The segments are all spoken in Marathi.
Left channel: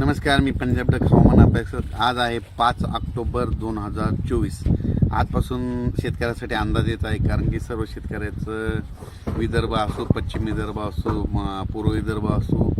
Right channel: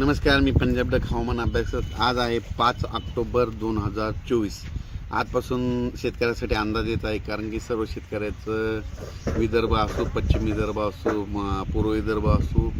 नमस्कार मी पंजाब डक हवामान अपेक्षक आज आहे पाच ऑक्टोबर दोन हजार चोवीस आजपासून शेतकऱ्यासाठी अंदाज येत आहे कारण की सर्व शेतकऱ्याचं विदर्भ असो पश्चिम विदर्भ असो म पूर्व विदर्भ असो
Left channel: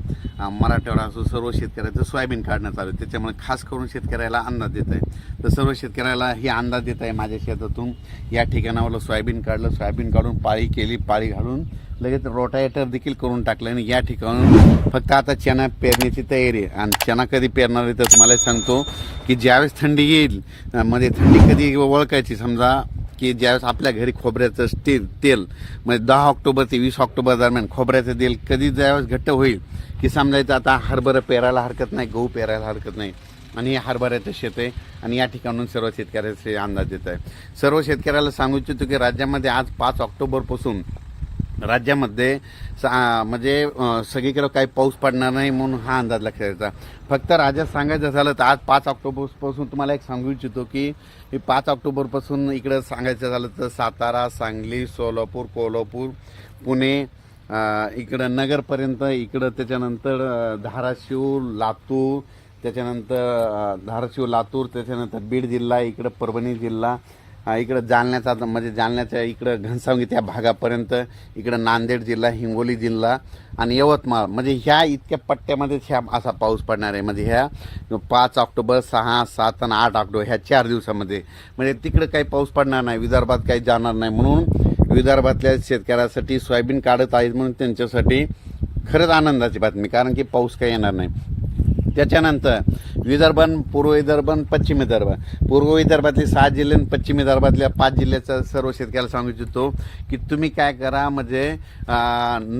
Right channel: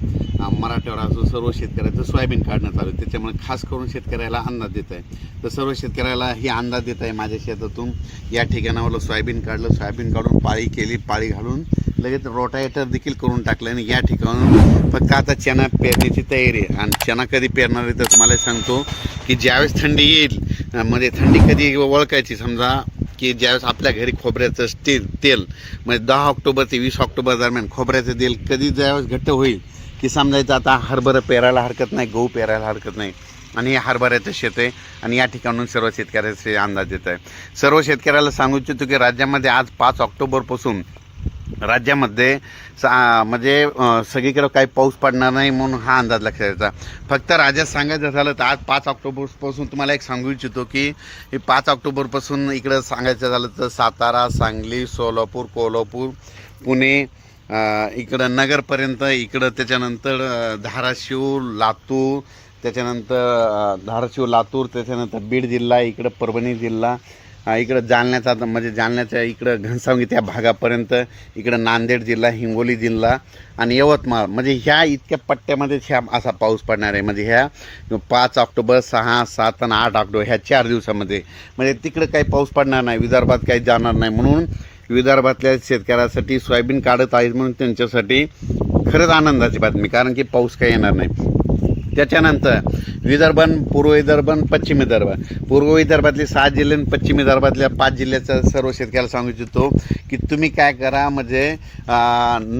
मराठवाडा असो सर्व शेतकऱ्याचं सोयाबीन काढण्यात आलं आहे त्याच्यामुळे खास करून शेतकऱ्याला अंदाज देत आहे तर सर्व शेतकऱ्याला हे अंदाज देत आहे माझ्या शेतातून या ठिकाणावरलं सोयाबीन काढलं सोयाबीन काढून पाळी केली पाळी घालून लगेच रोटायटर देखील करून टाकलं आणि या ठिकाणून फक्त आता चना पेरण्याची तयारी आहे आणि चना कधी पेरणार आहे तर तुम्हाला सांगतो की ज्यावेळेस थंडी येईल म्हणजे थंडी कधी ओळखायची समजा की ज्यावेळेस आपल्या घरी खोबऱ्याचं स्टील तेल म्हणजे दहा ऑक्टोबर ते वीस ऑक्टोबर दरम्यान खोबऱ्याचं तेल कधी ज्यावेळेस घट्ट होईल की समजायचं आता हरभरं पेरायला हरकत नाही गहू पेरायला हरकत नाही आणि हे हरभऱ्याचं शेत आहे आणि या ठिकाणून सर्व शेतकऱ्याचे अंदाज येत आहे सर्व शेतकऱ्याला सांगू इच्छितो की राज्यामध्ये आज पाच ऑक्टोबरपासून राज्यामध्ये सा म्हणजे सगळीकडे काही पाऊस पडणार नाही म्हणून हा अंदाज लक्षात यायचा फक्त राज्यात सांगायचं झालं तर आज पाच ऑक्टोबरपासून तुम्हाला एक सांगू इच्छितो की पाच ऑक्टोबरपासून इकडं सांगायचं झालं तर सातारा सांगली सोलापूर कोल्हापूर पुणे इकडं नगरपर्यंत इकडं त्याच्यानंतर धाराशिव लातूर त्याच्यानंतर धाराशिव लातूर त्याच्यानंतर बीड जिल्हा इकडं परभणी जिल्हा इकडं जालन्याचा म्हणजे जालन्याच्या इकडं घनसावंगी त्या भागापर्यंत इकडं नांदेड जिल्हा हिंगोली जिल्हा आणि यवतमाळ म्हणजे ह्या इतक्या पट्ट्यामध्ये ह्या असा पाऊस पडणार आहे म्हणजे ह्या पाच ऑक्टोबर सहा सात आणि आठ ऑक्टोबर ह्या चार दिवसामध्ये म्हणजे तिकडं काही पाऊस पडणार नाही विदर्भात काही जाणार नाही म्हणून विदर्भातल्या शेतकऱ्यासाठी सोयाबीन काढत आहेत म्हणून त्यांच्यासाठी खरंच आनंदाची बातमी कारण की पाऊस काही येणार नाही त्याच्यानंतर विदर्भन पूर्व विदर्भन पश्चिम विदर्भ पूर्व विदर्भातले सहा जिल्हे आणि पश्चिम विदर्भातल्या पाच जिल्ह्याचं सर्व शेतकऱ्याला सांगू इच्छितो की तुम्ही काय करा म्हणजे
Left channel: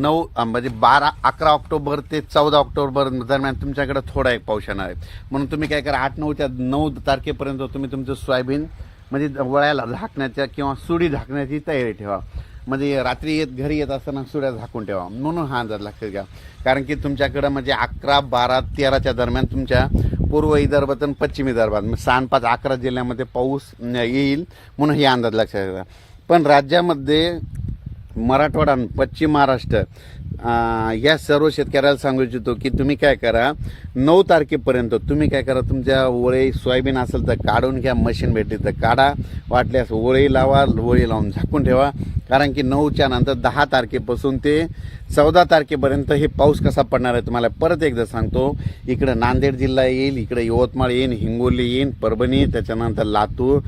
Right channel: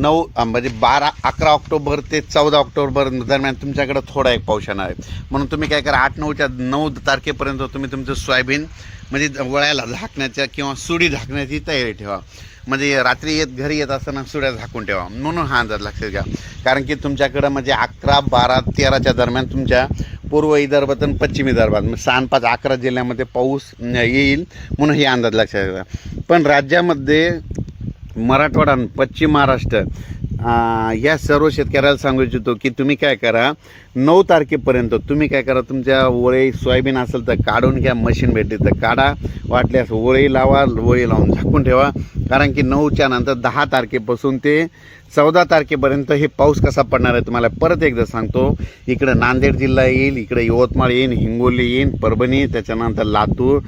नऊ म्हणजे बारा अकरा ऑक्टोबर ते चौदा ऑक्टोबर दरम्यान तुमच्याकडं थोडा एक पाऊस येणार आहे म्हणून तुम्ही काय करा आठ नऊच्या नऊ तारखेपर्यंत तुम्ही तुमचं सोयाबीन म्हणजे वळ्याला झाकण्याच्या किंवा सुडी झाकण्याची तयारी ठेवा म्हणजे रात्री येत घरी येत असताना सुड्या झाकून ठेवा म्हणून हा अंदाज लक्षात घ्या कारण की तुमच्याकडं म्हणजे अकरा बारा तेराच्या दरम्यान तुमच्या पूर्व विदर्भात आणि पश्चिम विदर्भात म्हणजे पाच अकरा जिल्ह्यामध्ये पाऊस येईल म्हणून हे अंदाज लक्षात घ्या पण राज्यामध्ये मराठवाडा आणि पश्चिम महाराष्ट्र या सर्व शेतकऱ्याला सांगू इच्छितो की तुम्ही काय करा नऊ तारखेपर्यंत तुम्ही काय करा तुमच्या ओळे सोयाबीन असेल तर काढून घ्या मशीन भेटली तर काढा वाटल्यास ओळी लावा ओळी लावून झाकून ठेवा कारण की नऊच्या नंतर दहा तारखेपासून ते चौदा तारखेपर्यंत हे पाऊस कसा पडणार आहे तुम्हाला परत एकदा सांगतो इकडं नांदेड जिल्हा येईल इकडं यवतमाळ येईल हिंगोली येईल परभणी त्याच्यानंतर लातूर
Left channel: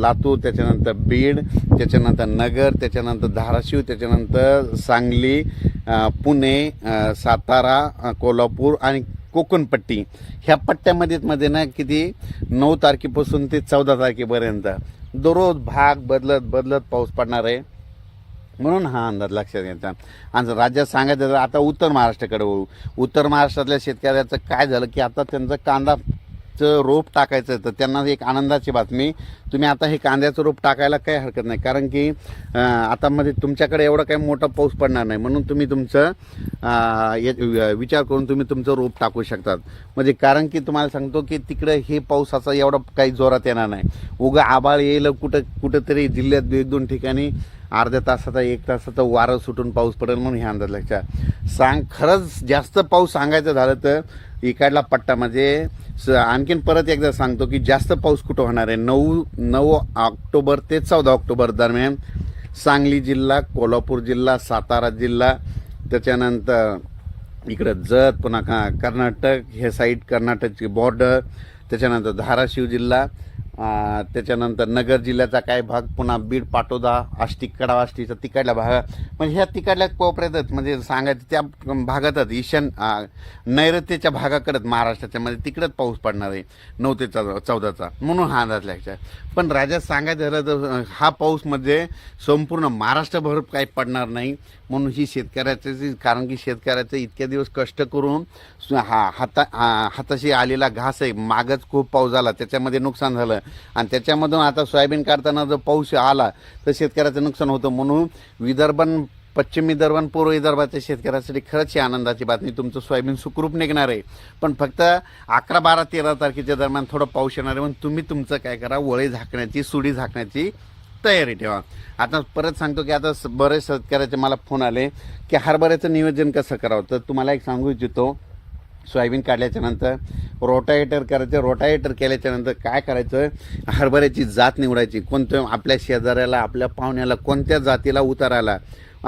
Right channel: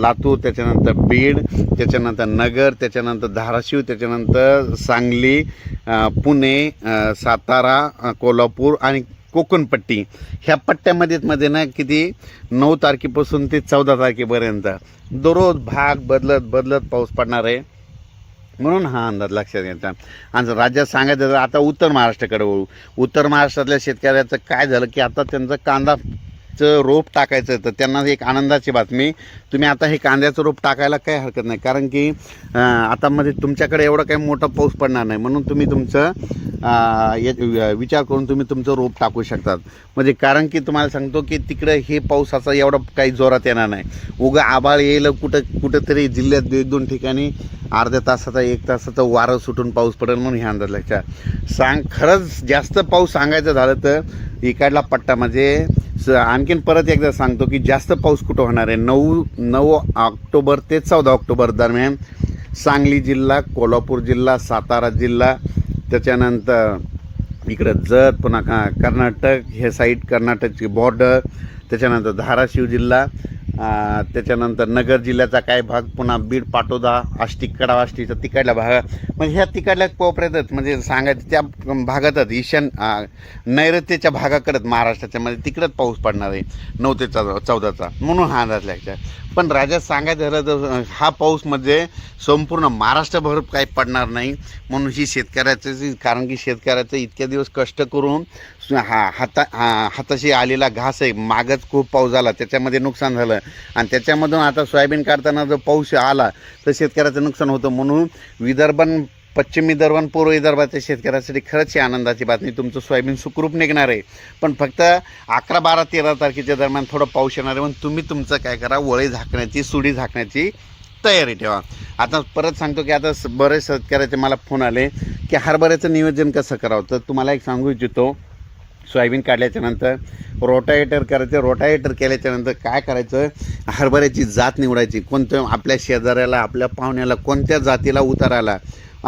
लातूर त्याच्यानंतर बीड त्याच्यानंतर नगर त्याच्यानंतर धाराशिव त्याच्यानंतर सांगली पुणे सातारा कोल्हापूर आणि कोकणपट्टी ह्या पट्ट्यामध्ये मध्ये ना किती नऊ तारखेपासून ते चौदा तारखेपर्यंत दररोज भाग बदलत बदलत पाऊस पडणार आहे म्हणून हा अंदाज लक्षात घेता आणि राज्यात सांगायचं आता उत्तर महाराष्ट्राकडे वळू उत्तर महाराष्ट्रातल्या शेतकऱ्याचं काय झालं की आता त्यांचा कांदा चं रोप टाकायचं तर त्यांना एक आनंदाची बातमी तुम्ही आता हे कांद्याचं रोप टाकायला काही हरकत नाही कारण की आता मध्ये तुमच्याकडे एवढं काही मोठा पाऊस पडणार नाही म्हणून तुम्ही तुमचं विचार करून तुम्ही तुमचं रोप टाकू शकतात म्हणजे कारण की तुम्हाला सांगतो की तिकडे हे पावसाचा एवढा काही जोरात येणार नाही उगा आबाळ येईल कुठं कुठंतरी जिल्ह्यात एक दोन ठिकाणी अर्ध्या तासाचा एक तासाचा वारं सुटून पाऊस पडेल म्हणून हे अंदाज लक्षात सांग खरंच जास्त पाऊस सांगायचं झालं तर इकडला पट्टा म्हणजे स आणखीन परत एकदा सांगतो की जास्त पाऊस कुठं होणार आहे नऊ नऊ ऑक्टोबर ते चौदा ऑक्टोबर दरम्यान सांगली जिल्हा कोल्हापूर जिल्हा सातारा जिल्हा त्याच्यानंतर इकडं जत पुन्हा कर्नाटक हे साईड कर्नाटकची बॉर्डर त्याच्यानंतर धाराशिव जिल्हा त्याच्यानंतर नगर जिल्ह्याचा काय भाग पुन्हा बीड पाटोदा आष्टी कडा आष्टीचा तिकडल्या भागा म्हणजे ह्या तिकडल्या कोपऱ्यातच म्हणजे सांगायचं त्या भागातच ईशान नैऋत्येच्या भागाकडत महाराष्ट्राच्या म्हणजे तिकडंच पाऊस पडणार आहे नऊ ते चौदाचा म्हणून हा अंदाज लागतात पण राजा सांगायचं झालं तर हा पाऊस म्हणजे संपूर्ण महाराष्ट्रभर काही पडणार नाही म्हणून ही शेतकऱ्याचं कारण की शेतकऱ्याचं इतक्या दिवस कष्ट करून हा हाता हा हाताशी आलेला घास आहे मागच खूप पाऊस झाला त्याच्यामध्ये नुकसान झालं आणि त्याच्यामधून आता सोयाबीन काढताना जो पाऊस आला तर शेतकऱ्याचं नुकसान होतं म्हणून विदर्भन पश्चिम विदर्भन पूर्व विदर्भाच्या शेतकऱ्यासाठी खरंच ही आनंदाची बातमी तुमचं सोयाबीन सुखरूप निघणार आहे पण फक्त अकरा बारा तेरा तारखेच्या दरम्यान थोडं पाऊस येणार आहे म्हणून तुम्ही तुमचं काय करा वळे झाकण्याची सुडी झाकण्याची तयारी ठेवा आता परत सांगतो की आता बरेच शेतकऱ्याचे मला फोन आले की हरभऱ्याचं नियोजन कसं करावं तर तुम्हाला एक सांगू इच्छितो सोयाबीन काढल्याच्यानंतर रोटायटर करायचं रोटावेटर केल्याच्यानंतर काय करायचं हरभऱ्याची जात निवडायची कोणत्या आपल्या शेजाऱ्याला आपल्या पाहुण्याला कोणत्या जातीला उतारायला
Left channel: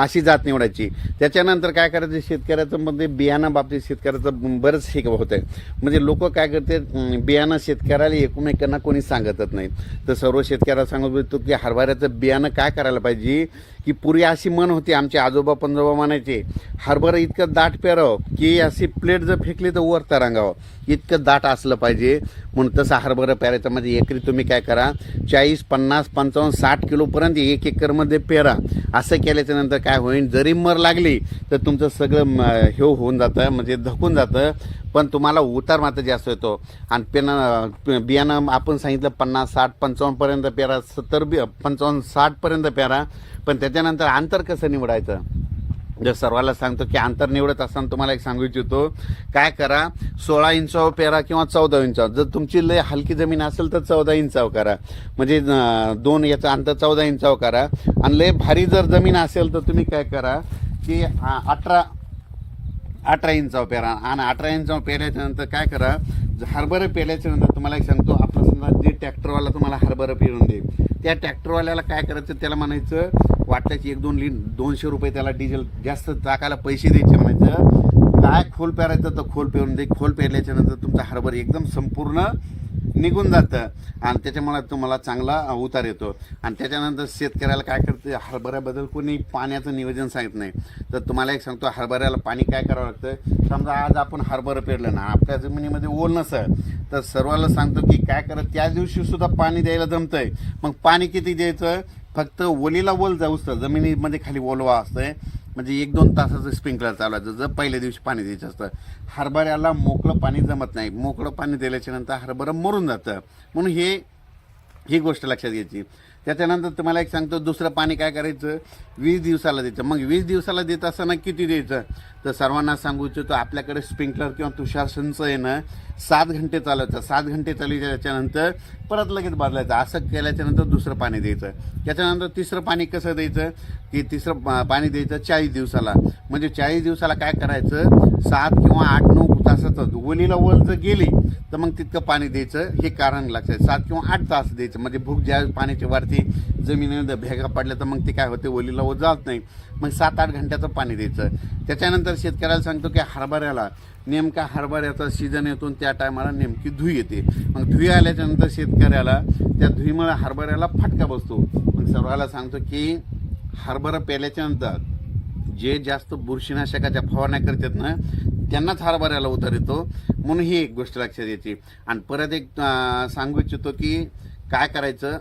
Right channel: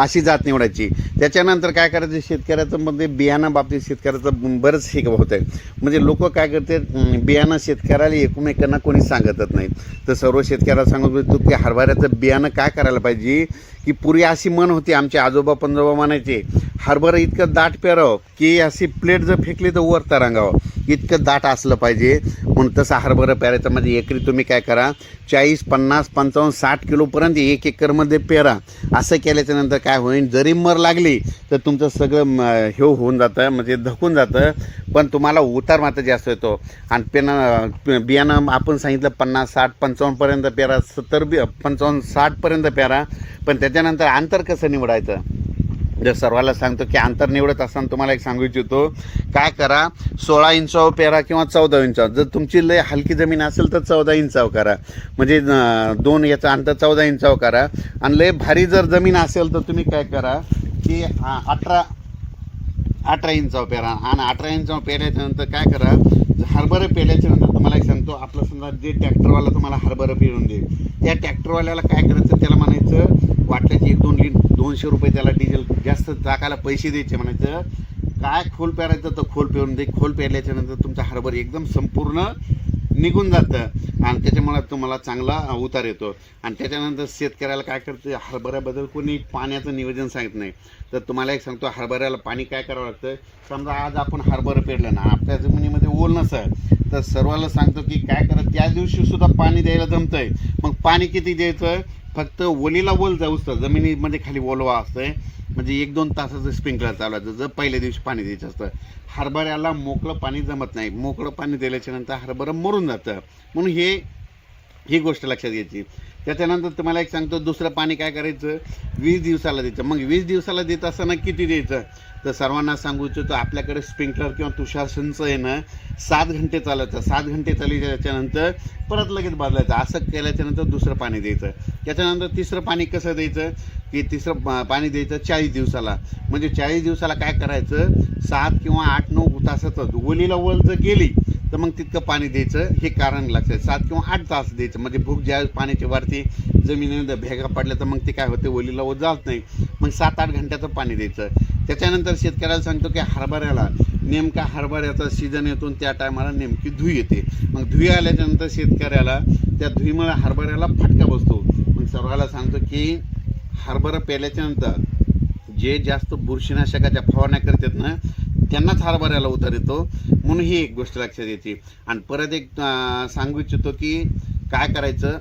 अशी जात निवडायची त्याच्यानंतर काय करायचं शेतकऱ्याचं म्हणजे बियाणं बाबतीत शेतकऱ्याचं बरंच हे होत आहे म्हणजे लोक काय करते बियाणं शेतकऱ्याला एकमेकांना कोणी सांगतच नाही तर सर्व शेतकऱ्याला सांगत तू की हरभऱ्याचं बियाणं काय करायला पाहिजे की पूर्वी अशी मन होती आमचे आजोबा पंजोबा म्हणायचे हरभरा इतकं दाट पेरावं की अशी प्लेट जर फेकली तर वरता रांगावं इतकं दाट असलं पाहिजे म्हणून तसं हरभरा पेरायचं म्हणजे एकरी तुम्ही काय करा चाळीस पन्नास पंचावन्न साठ किलोपर्यंत एक एकरमध्ये पेरा असं केल्याच्यानंतर काय होईल जरी मर लागली तर तुमचं सगळं हे होऊन जातं म्हणजे धकून जातं पण तुम्हाला उतार मात्र जास्त येतो आणि पेना बियाणं आपण सांगितलं पन्नास साठ पंचावन्नपर्यंत पेरा सत्तर बी पंचावन्न साठपर्यंत पेरा पण त्याच्यानंतर अंतर कसं निवडायचं जर सर्वांना सांगतो की अंतर निवडत असताना तुम्हाला एक सांगू इच्छितो काय करा सोळा इंचावर पेरा किंवा चौदा इंचावर जर तुमची लय हलकी जमीन असेल तर चौदा इंचावर करा म्हणजे दोन याचा अंतर चौदा इंचावर करा आणि लय भारी जर जमीन असेल तर तुम्ही काय करा की अठरा अठरा इंचावर पेरा आणि अठरा इंचावर पेरायच्यानंतर काय करा हरभरं पेल्याच्या तुम्हाला एक सांगतो आपला समजा जे ट्रॅक्टरवाला तुम्हाला हरभरं पेरून देईल त्या ट्रॅक्टरवाल्याला काय करायचं त्याला म्हणायचं वाटल्याचे एक दोन लिट दोनशे रुपये त्याला डिझेल जास्त टाकायला पैसे द्यायचे म्हणायचं काय खोल पेरायचं तर खोल पेरून दे खोल पेरल्याच्यानंतर तुमचा हरभर एकदम संपूर्ण निघून जातं आणि त्याच्यामुळे तुम्हाला चांगला उतार येतो आणि त्याच्यानंतर शेतकऱ्याला काय करतं हरभऱ्याबद्दल कोणी पाण्याचं निवेदन सांगत नाही तर तुम्हाला एक सांगतो हरभऱ्याला पाणी काय करावं लागतं समजा आज आपण हरभरं पेरलं ना आपल्या जमिनीमध्ये ओल नसं तर सर्वांना सांगतो की काय करत त्या दिवशीसुद्धा पाणी द्यायला जमतं आहे मग पाणी किती द्यायचं फक्त ओलीला ओल जाऊ असतं जमिनीमध्ये खाली ओलवा असतंय म्हणजे एक दोन तासाचं स्प्रिंकलर चालवायचं जर पहिल्या दिवशी पाणी द्यायचं असतं हरभऱ्याला मोकळं पाणी जमत नाही मोकळं पाणी दिल्याच्या नंतर हरभरं मरून जातं म्हणून हे ही गोष्ट लक्षात घ्यायची त्याच्यानंतर तुम्हाला एक सांगतो दुसरं पाणी काय करायचं वीस दिवसाला द्यायचं मग वीस दिवसाला देत असताना किती द्यायचं तर सर्वांना सांगू इच्छितो आपल्याकडे स्प्रिंकलर किंवा तुषार संच येणं सात घंटे चालायचं सात घंटे चालायचं त्याच्यानंतर परत लगेच बदलायचं असं केल्याच्यानंतर दुसरं पाणी द्यायचं त्याच्यानंतर तिसरं पाणी कसं द्यायचं की तिसरं पाणी द्यायचं चाळीस दिवसाला म्हणजे चाळीस दिवसाला काय करायचं सात किंवा आठ नऊ तासाचं ओलीला वल जर गेली तर मग तितकं पाणी द्यायचं हे कारण लागतं सात किंवा आठ तास द्यायचं म्हणजे भूक ज्या पाण्याची वरती जमिनीमध्ये भेगा पडल्या तर मग ते काय होते ओलीला ओल जात नाही मग सात आठ घंट्याचं पाणी द्यायचं त्याच्यानंतर शेतकऱ्याला सांगतो की हरभऱ्याला नेमका हरभऱ्याचा सीझन येतो त्या टायमाला नेमकी धुई येते मग धुई आल्याच्यानंतर शेतकऱ्याला त्या धुईमुळे हरभऱ्याला फटका बसतो मग सर्वाला सांगतो की हरभरा नंतर जे जास्त बुरशीनाशकाच्या फवारण्या करतात ना त्यांनाच हरभऱ्याला उतर येतो म्हणून ही एक गोष्ट लक्षात येते आणि परत एक सांगू इच्छितो की काय करायचं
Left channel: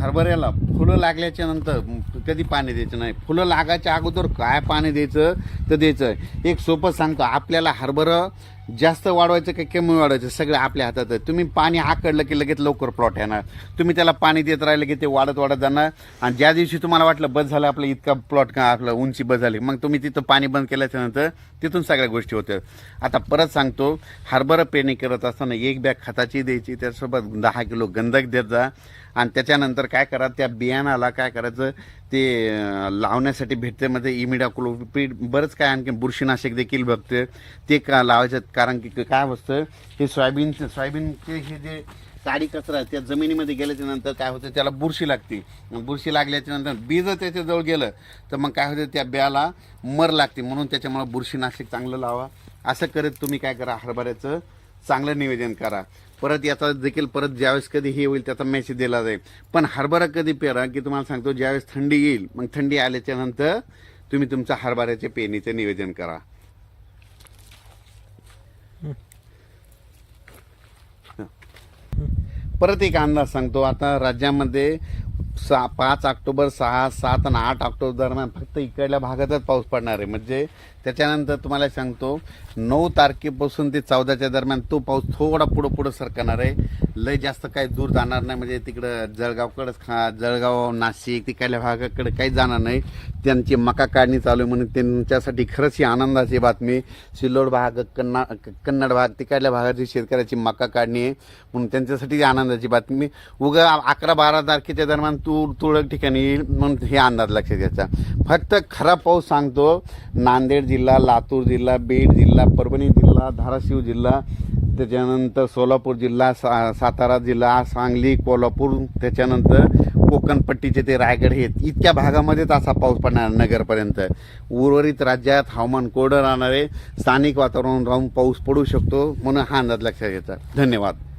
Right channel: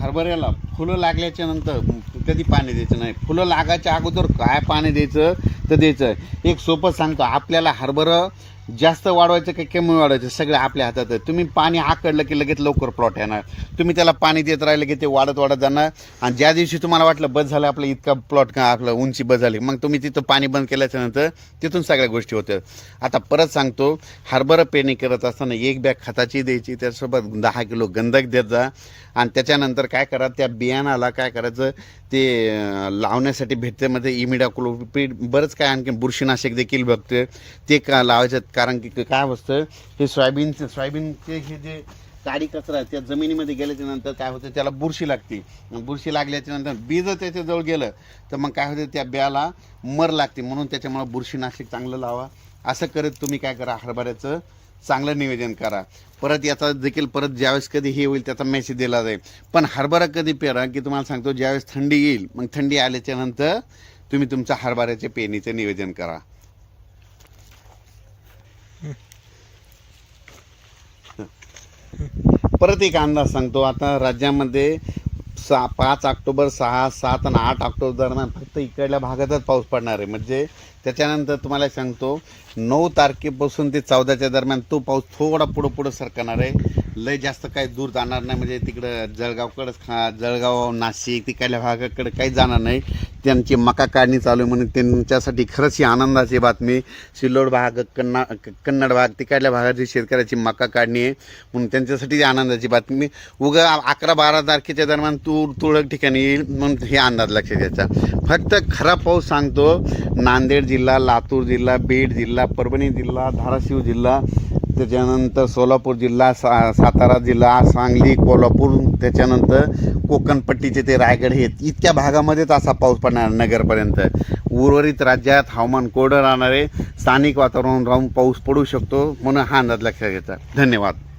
हरभऱ्याला फुलं लागल्याच्या नंतर कधी पाणी द्यायचं नाही फुलं लागायच्या अगोदर काय पाणी द्यायचं तर द्यायचं एक सोपं सांगतो आपल्याला हरभरं जास्त वाढवायचं का कमी वाढवायचं सगळं आपल्या हातात आहे तुम्ही पाणी आकडलं की लगेच लवकर प्लॉट येणार तुम्ही त्याला पाणी देत राहिलं की ते वाढत वाढत जाणार आणि ज्या दिवशी तुम्हाला वाटलं बस झालं आपलं इतका प्लॉट का आपलं उंची बस झाली मग तुम्ही तिथं पाणी बंद केल्याच्यानंतर तिथून सगळ्या गोष्टी होत्या आता परत सांगतो हरभरा पेरणी करत असताना एक बॅग खताची द्यायची त्यासोबत दहा किलो गंधक देत जा आणि त्याच्यानंतर काय करा त्या बियाणाला काय करायचं ते लावण्यासाठी भेटते मध्ये इमिडाकुलोपीड बरंच काय आणखी बुरशीनाशक देखील बघते ते का लावायचं कारण की काय असतं हे सोयाबीनचे सोयाबीनचे हे जे काडी कचरा त्या जमिनीमध्ये गेल्याच्या नंतर काय होतं त्याला बुरशी लागते बुरशी लागल्याच्या नंतर बी जर त्याच्याजवळ गेलं तर मग काय होतं त्या बियाला मर लागते म्हणून त्याच्यामुळं बुरशीनाशक चांगलं लावा असं करत तुम्ही काय करा हरभऱ्याचं चांगलं नियोजन करा परत याचा देखील परत ज्यावेळेस कधी हे होईल त्याचा मेसेज दिला जाईल पण हरभरा कधी पेरा की तुम्हाला सांगतो ज्यावेळेस थंडी येईल मग थंडी आल्याच्या नंतर तुम्ही तुमचा हरभऱ्याच्या पेरणीचे नियोजन करा परत एक अंदाज सांगतो आता राज्यामध्ये सा पाच ऑक्टोबर सहा सात आणि आठ ऑक्टोबर दरम्यान फक्त इकडल्या भागातच पाऊस पडणार आहे म्हणजे त्याच्यानंतर तुम्हाला सांगतो नऊ तारखेपासून ते चौदाच्या दरम्यान तो पाऊस थोडा पुढं पुढं सरकणार आहे लय जास्त काही दूर जाणार नाही म्हणजे तिकडं जळगावकडंच खा जळगाव नाशिक तिकडल्या भागाकडे काही जाणार नाही त्यांची मका काढणी चालू आहे म्हणून त्यांच्यासाठी खरंच ही आनंदाची बातमी सिल्लोड भाग कन्ना कन्नड भाग तिकडल्या भागाची शेतकऱ्याची मका काढणी आहे म्हणून त्यांच्यासाठी आनंदाची बातमी उगा अकरा बारा तारखेच्या दरम्यान तूर तुळक ठिकाणी येईल म्हणून हे अंदाज लक्षात घ्यायचा फक्त खरा पाऊस सांगतो नांदेड जिल्हा लातूर जिल्हा बीड जिल्हा परभणी जिल्हा धाराशिव जिल्हा त्याच्यानंतर सोलापूर जिल्हा सा सातारा जिल्हा सांगली कोल्हापूर त्याच्यानंतर कोकणपट्टीचे ते रायगड हे इतक्या भागामध्येच असा पाऊस पडणार नगरपर्यंत उर्वरित राज्यात हवामान कोरडं राहणारे स्थानिक वातावरण राहून पाऊस पडू शकतो म्हणून हा अंदाज लक्षात घेतात धन्यवाद